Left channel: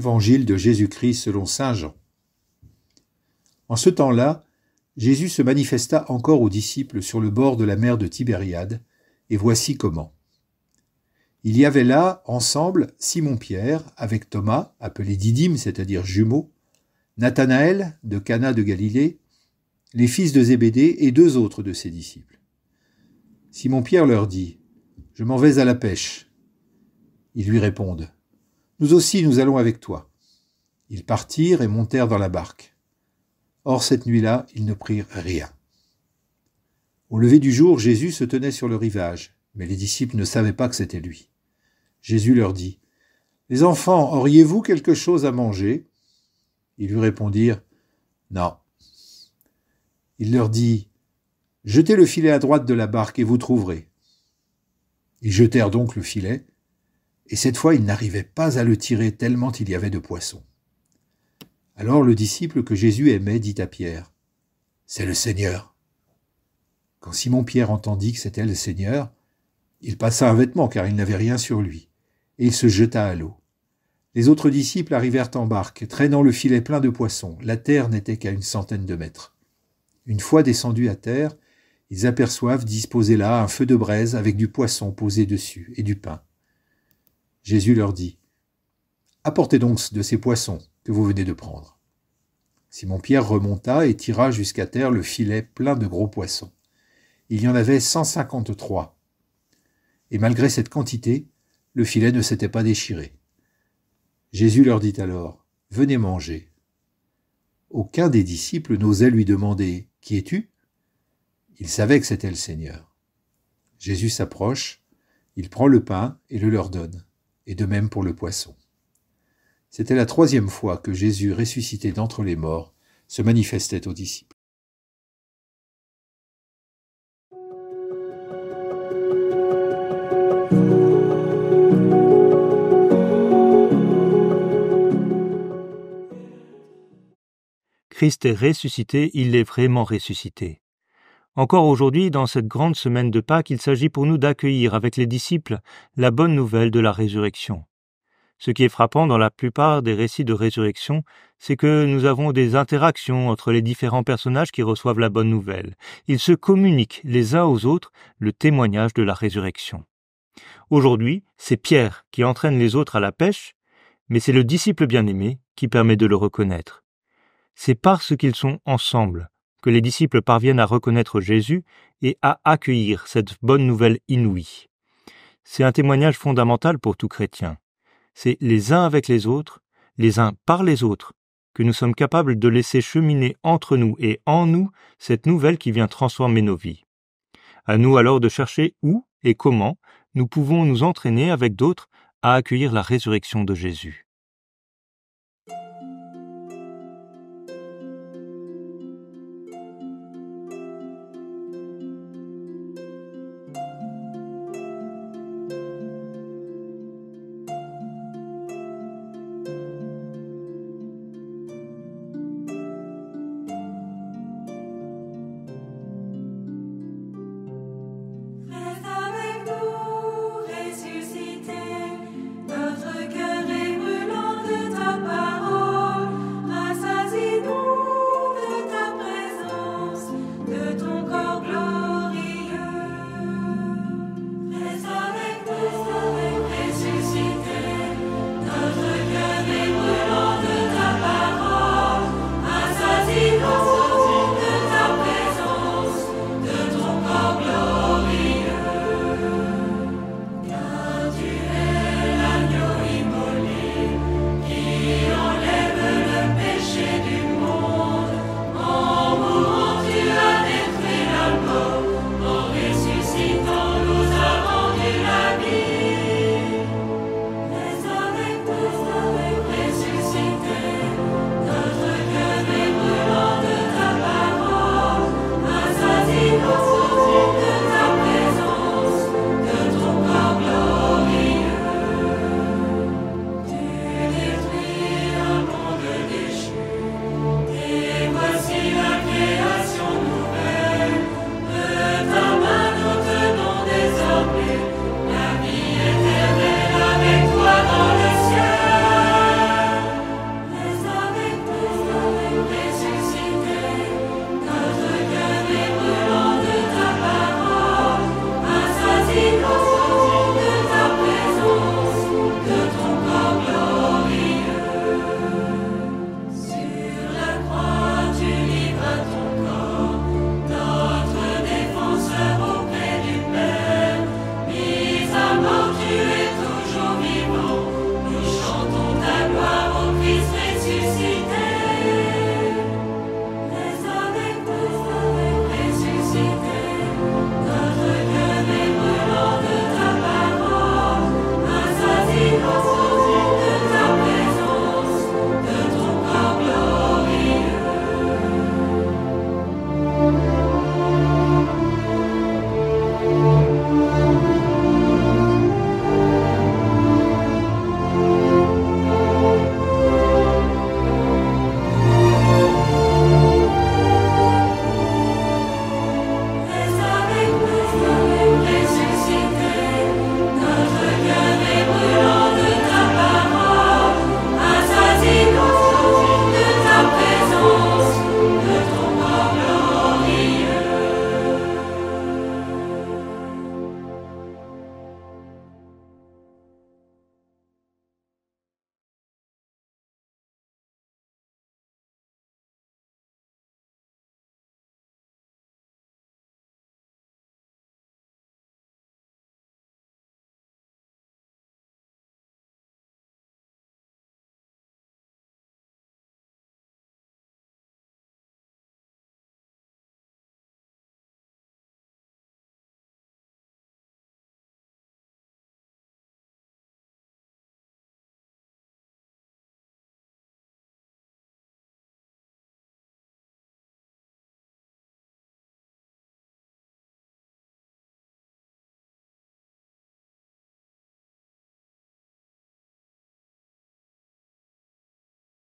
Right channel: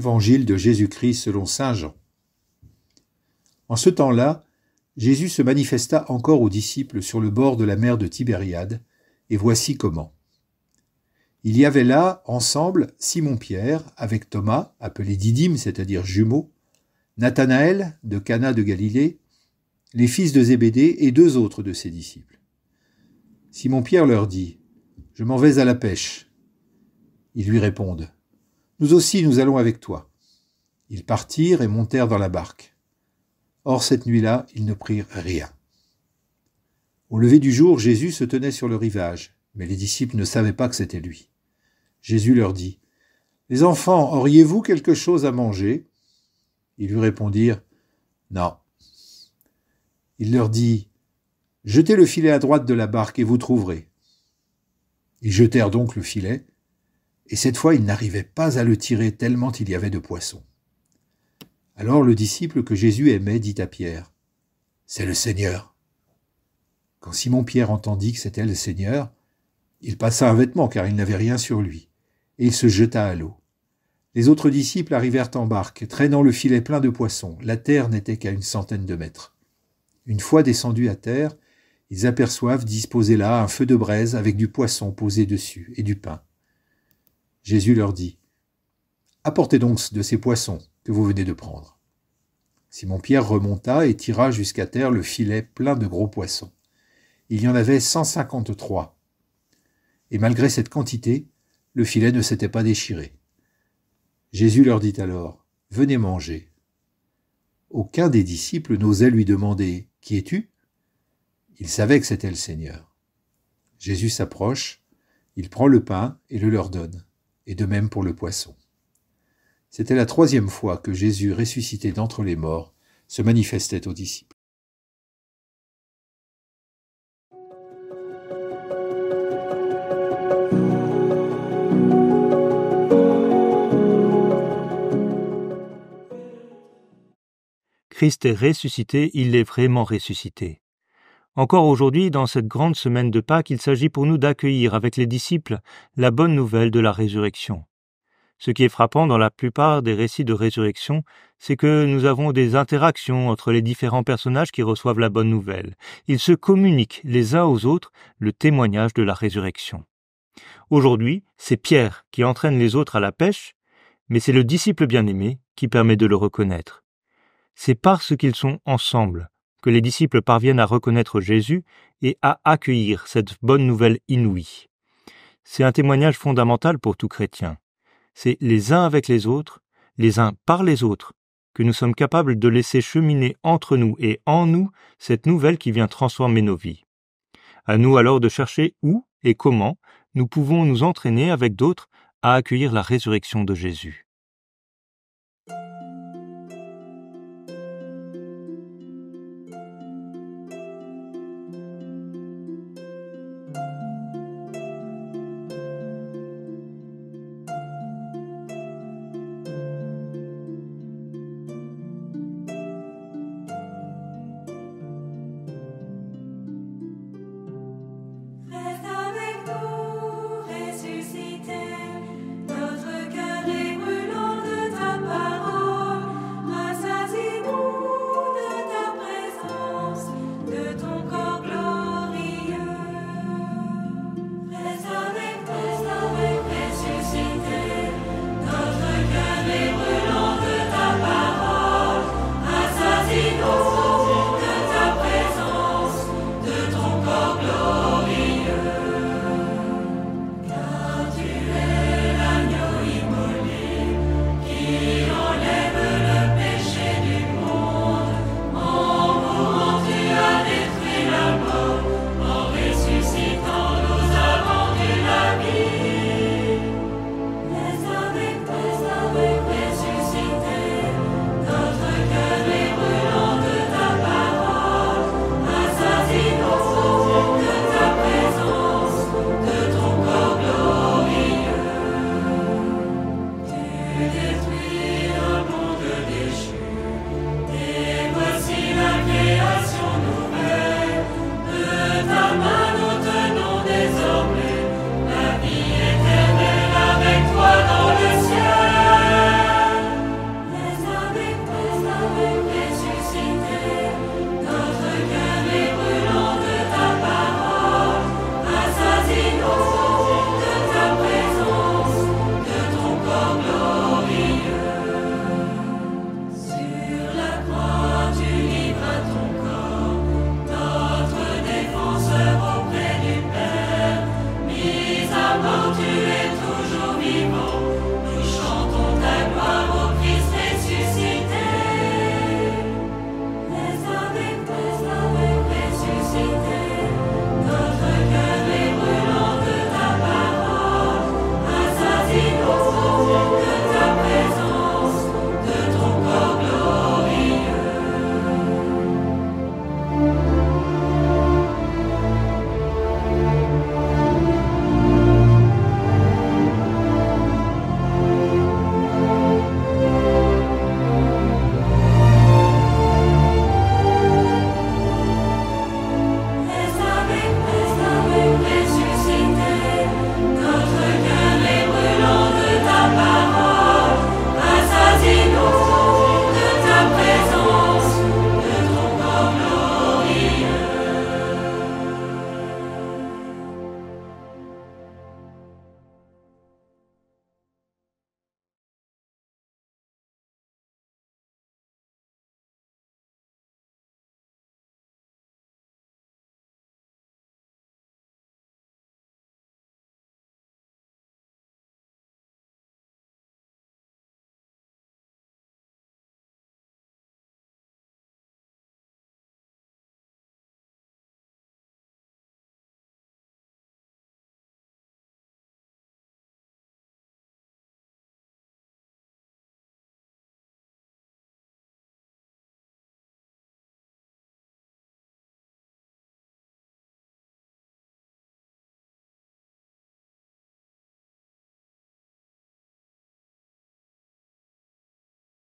Évangile de Jésus-Christ selon saint Jean. En ce temps-là, Jésus se manifesta encore aux disciples sur le bord de la mer de Tibériade, et voici comment. Il y avait là, ensemble, Simon-Pierre, avec Thomas, appelé Didyme, c'est-à-dire jumeau, Nathanaël, de Cana de Galilée, les fils de Zébédée et 2 autres de ses disciples. Simon-Pierre leur dit : « Je m'en vais à la pêche. » Ils lui répondent : « Nous aussi, nous allons avec toi. » Ils partirent et montèrent dans la barque. Or, cette nuit-là, ils ne prirent rien. Au lever du jour, Jésus se tenait sur le rivage, mais les disciples ne savaient pas que c'était lui. Jésus leur dit : « Les enfants, auriez-vous quelque chose à manger ? » Ils lui répondirent : « Non. » Il leur dit : « Jetez le filet à droite de la barque et vous trouverez. » Ils jetèrent donc le filet, et cette fois ils n'arrivaient pas à le tirer tellement il y avait de poissons. Alors le disciple que Jésus aimait dit à Pierre : « C'est le Seigneur. » Quand Simon-Pierre entendit que c'était le Seigneur, il passa un vêtement car il n'avait rien sur lui, et il se jeta à l'eau. Les autres disciples arrivèrent en barque, traînant le filet plein de poissons. La terre n'était qu'à 100 mètres. Une fois descendus à terre, ils aperçoivent disposé là un feu de braise avec du poisson posé dessus et du pain. Jésus leur dit : « Apportez donc de ces poissons que vous venez de prendre. » Simon-Pierre remonta et tira jusqu'à terre le filet plein de gros poissons. Il y en avait 153. Et malgré cette quantité, le filet ne s'était pas déchiré. Jésus leur dit alors : « Venez manger. » Aucun des disciples n'osait lui demander : « Qui es-tu » Il savait que c'était le Seigneur. Jésus s'approche, il prend le pain et le leur donne, et de même pour le poisson. C'était la 3e fois que Jésus, ressuscité d'entre les morts, se manifestait aux disciples. Christ est ressuscité, il est vraiment ressuscité. Encore aujourd'hui, dans cette grande semaine de Pâques, il s'agit pour nous d'accueillir avec les disciples la bonne nouvelle de la résurrection. Ce qui est frappant dans la plupart des récits de résurrection, c'est que nous avons des interactions entre les différents personnages qui reçoivent la bonne nouvelle. Ils se communiquent les uns aux autres le témoignage de la résurrection. Aujourd'hui, c'est Pierre qui entraîne les autres à la pêche, mais c'est le disciple bien-aimé qui permet de le reconnaître. C'est parce qu'ils sont ensemble que les disciples parviennent à reconnaître Jésus et à accueillir cette bonne nouvelle inouïe. C'est un témoignage fondamental pour tout chrétien. C'est les uns avec les autres, les uns par les autres, que nous sommes capables de laisser cheminer entre nous et en nous cette nouvelle qui vient transformer nos vies. À nous alors de chercher où et comment nous pouvons nous entraîner avec d'autres à accueillir la résurrection de Jésus.